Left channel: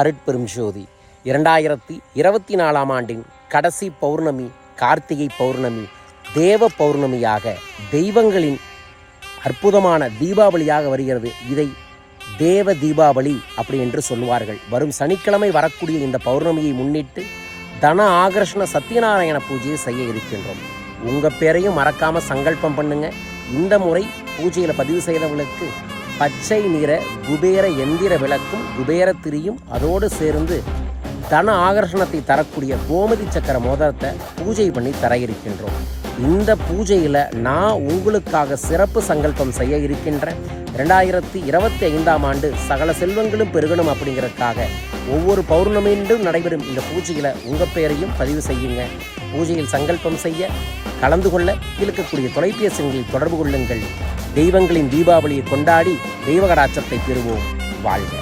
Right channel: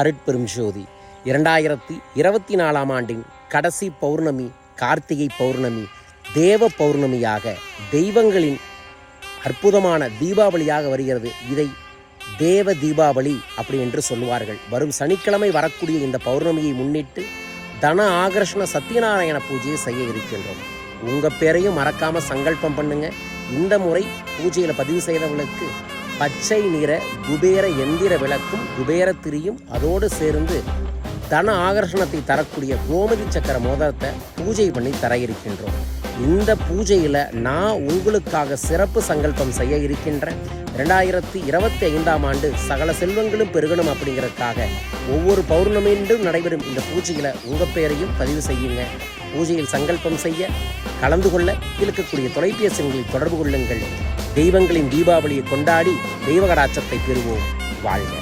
அருட்பெரும் ஜோதி. இரண்டாயிரத்தி இருபத்தி நாலாம் ஆண்டின் கடைசி பௌர்ணமி கார்த்திகை பௌர்ணமி தேவ பௌர்ணமியாக தெய்வங்களின் அற்புதமான தீபாவளியாக வருகிறது. இதை தேவ தீபாவளி அப்படி என்று சொல்லுவார்கள். வரும் சனிக்கிழமை வரக்கூடிய இந்த பௌர்ணமியை முன்னிட்டு தன ஆகர்ஷண சத்யநாராயண பூஜையை செய்ய இருக்கின்றோம். உங்கள் பேரையும் மறக்காமல் சங்கல்பம் பண்ணுங்க. இந்த முறை பூஜையில் பதிவு செய்தவர்களுக்கு பச்சை நிற குபேர எந்திர விளக்கும் குபேர திரியும் அதோடு சேர்ந்து தன ஆகர்ஷணத்தை தரக்கூடிய கோமதி சக்கர மோதிரத்தை பூஜை பண்ணி தர இருக்கின்றோம் இந்த பூஜையில் நான் உங்களுக்காக சிறப்பு சங்கல்பம் செய்ய இருக்கின்றேன் ரெண்டாயிரத்தி இருபத்தி ஐந்தாம் ஆண்டு சகல செல்வங்களும் பெருகணும் அப்படிங்கிறதுக்காக ஒவ்வொரு பௌர்ணமியின்றும் நடைபெறும் இந்த பூஜையில் உங்கள் பெயரையும் பதிவு செய்யுங்க. பூஜையில் சங்கல்பம் செய்ய கலந்து கொள்ள இருக்கக்கூடிய தொலைபேசிகளில் தொடர்பு கொள்ளுங்கள். தெய்வங்களின் தீபாவளியை கொண்டாடி தெய்வகடாச்சத்தை பெறுவோம். வாழ்க.